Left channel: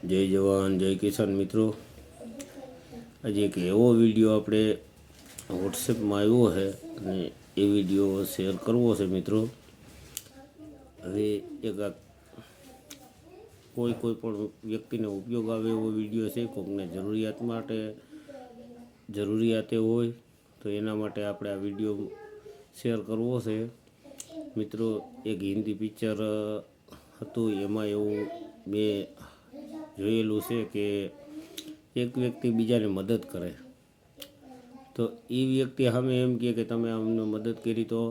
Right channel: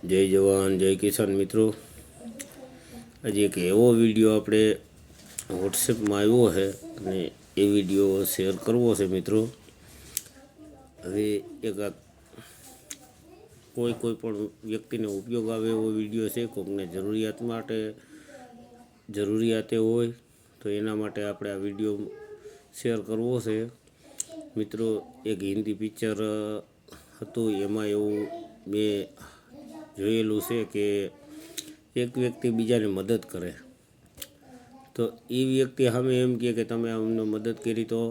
જય જવાન, જય કિસાન મિત્રો. આજે એક એવો વીડિયો આપણે વોટ્સએપમાં આવ્યો છે અને એ વીડિયો શેર કરવો છે મિત્રો. હવે એક કોઈ કોઈ પણ વ્યક્તિને ઉપયોગ આવે એવો વીડિયો છે કોઈકને જરૂરિયાત માટે જરૂરિયાતે હોય, તો એના માટે આપણે આ વીડિયો શેર કરવો છે. મિત્રો, એક હિન્દી પિક્ચર હતું. એમાં એવું મેં જોયેલું છે કે એક વ્યક્તિ બીજાને મદદ કરે. તો એ વ્યક્તિ સામે એમ કહે કે તમે અમને મદદ કરી તો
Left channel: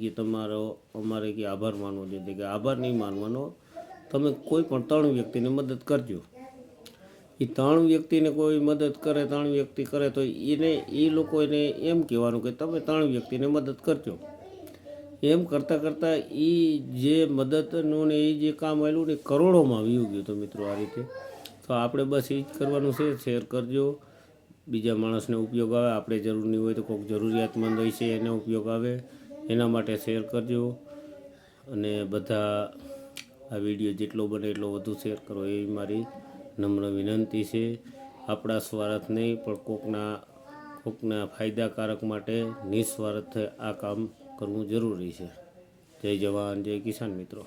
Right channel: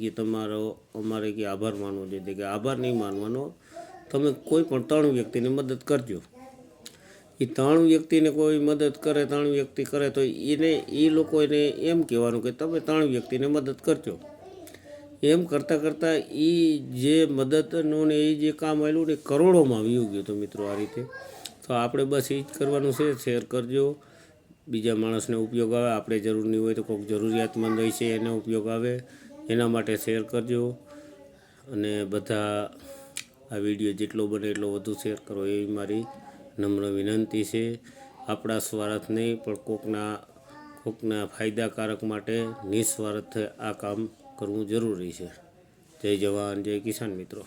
કે તમારો, અમારે કે આભાર માનવો જોઈએ. કે આભાર નહીં માનવાનો, તમે કોઈ પણ ત્રણ વ્યક્તિને મદદ કરજો. એ ત્રણ વ્યક્તિને કોઈ મદદ કરે, ત્રણ વ્યક્તિ કરે તો એને એ લોકો એને એમ કહેવાનું કે તમે ત્રણ વ્યક્તિને મદદ કરજો. એમ કરતાં કરતાં એ જે મદદનું ને એ જે કામ આવેલું ને કરોડોમાં વ્યૂ ગયું તો મિત્રો આ રીતે. તો આપણે બસ એ જ કરવાનું છે શેર કરજો. બીજા માણસને ઉપયોગ આવે, આપણે જરૂર નહીં હોય તો કોઈક જરૂરિયાતમંદ હોય છે એને ઉપયોગ આવે, એના માટે શેર કરજો. અને બધા આ વીડિયો જેટલો બને એટલો વધુ શેર કરો એવી મારી નમ્ર વિનંતી છે. આપણા સ્વાર્થ નહીં, પણ કોકના કોકના ફાયદાકારક માટે નિસ્વાર્થ આ કામ કરવું જરૂરી છે. જય જવાન જય કિસાન મિત્રો.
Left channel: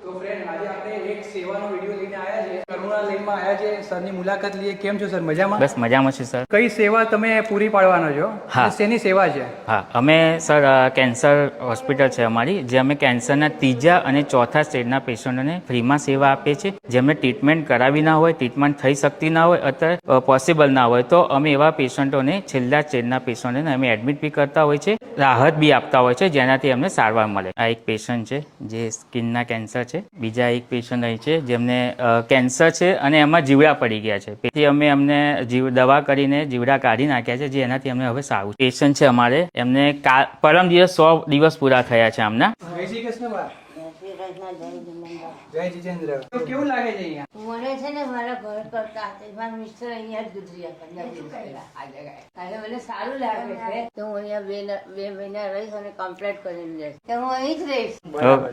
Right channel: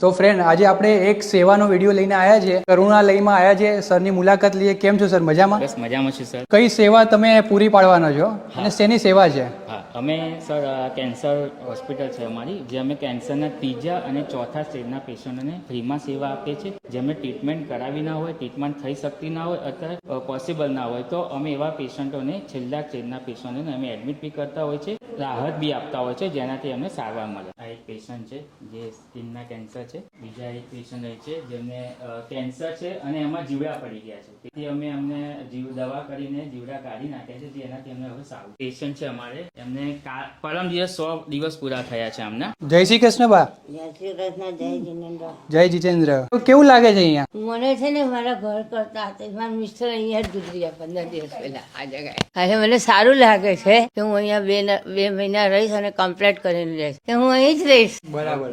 તો ફ્રેન્ડ આજે આપણે એક સેવાનો વીડિયો લઈને આવ્યા છે કરુણાલયમાં આવ્યા છે સરની મુલાકાત લઈએ. કેમ છો સર? મજામાં? બસ મજામાં છું સર. કઈ સેવા તમે પૂરી પાડવાના છો? હા. શેની સેવા છે? હા અમે સર કેન્સર હોસ્પિટલ છે અમારી જે અમે કેન્સરના ત્રીજા અને ચોથા સ્ટેજના પેશન્ટોને ફ્રીમાં સેવા આપીએ છીએ. જેમને ટ્રીટમેન્ટ કરાવી ના હોય ટ્રીટમેન્ટ થઈ શકતી ના હોય અથવા પોસિબલ ના હોય તો અમે એવા પેશન્ટોને છેલ્લા સ્ટેજના પેશન્ટોને અમે એડમિટ બી કરતા હોય છે રાહત બી આપતા હોય છે જેનાથી અમને સારવાર મળે. આ એક પેશન્ટ છે જે સ્કિનના કેન્સર છે. બીજા એક પેશન્ટ અહીં છે જેમને કેન્સર છે અને એમાં જીવડા પડી ગયા છે. તેથી અમે અમને જીવ, દવા કરીને જીવડા કાઢી નાખ્યા છે, જે એનાથી અમને હવે સારું પેશન્ટ છે અમારે. એમને પરમ દિવસ સો દિવસ પૂરા થયા છે આમના. જય શ્રી કૃષ્ણ બા. જય જીતેન્દ્ર. તો કેવું લાગે છે અહીંયા? મને છે ને મારા ઘર કરતા હતા મારા મિસ્ટર અહીંયા જ ગુજર્યા પંદર દિવસ પહેલા આ જગ્યાએ હવે મને સારું લાગે છે કે હું અહીંયા બે બે મહિના રહીશ અને કમ્પ્લીટ કરીને રહીશ કે હું અહીં જ રહીશ.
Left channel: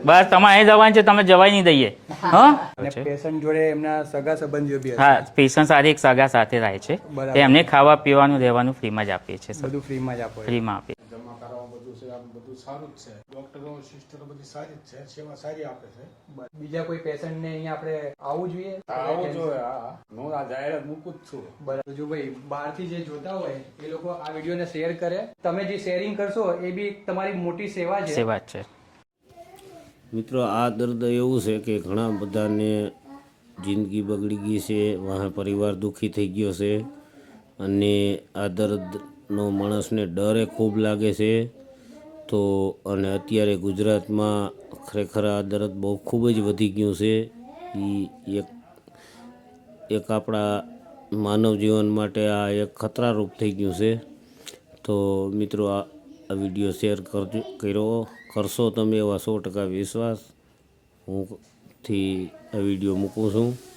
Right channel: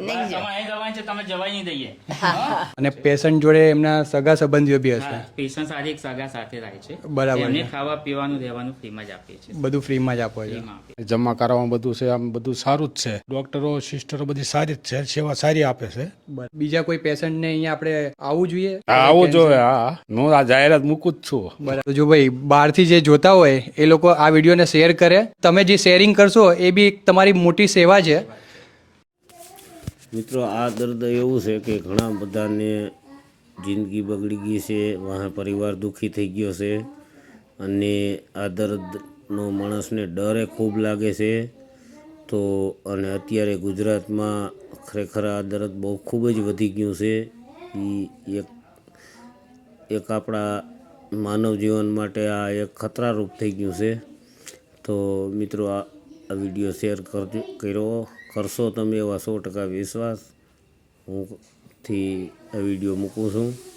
બસ તમારે અહીં જવાનું છે તમે જવાય નહીં દઈએ. હા. અને પેશન્ટ જોડે એમના સગા સંબંધીઓ બી હા પેશન્ટ સાથે એક સગા સાથે રહે છે. બરાબર. એમને ખાવા પીવાનું રહેવાનું ફ્રીમાં જ આપીએ છીએ બધું ફ્રીમાં જ આપો ફ્રીમાં આપીએ. જમા કરાવવા બધું છે આમ બધું સારું જ છે. ડોક્ટરો સિસ્ટરો બધી સારી જ છે સેવા સારી આપે છે. બીજા કોઈ પેશન્ટને અહીંયા આપણે આવવું જોઈએ? હા, આવો જોઈએ હા. હું આ જાહેરાત મૂકું જ છું. બરાબર. જો ભાઈ બહારથી જે જોતા હોય એ લોકો આ વિડીયોને શેર કરે. તમે જે શેરિંગ કરશો એ બી એક તમારી મોટી સેવા છે. છે. મિત્રો આ દર્દ એવું છે કે ઘણા બધાને જિંદગી બગડી ગઈ છે વાહ પરિવાર દુઃખી થઈ ગયો છે અને આ દર્દનો માણસને ડરે ખૂબ લાગે છે. તો, અને અત્યારે ગુજરાતમાં ખરેખર આ દર્દ બહુ ખૂબ જ વધી ગયું છે. એ એક એક આપણા માનવ જીવન માટે આ એક ખતરારૂપ થઈ ગયું છે. તો મિત્રો આ વીડિયો શેર કરજો, કર્યો કરશો તમે એવા સો ટકા વિશ્વાસ. હું થી આ વીડિયો મૂકું છું.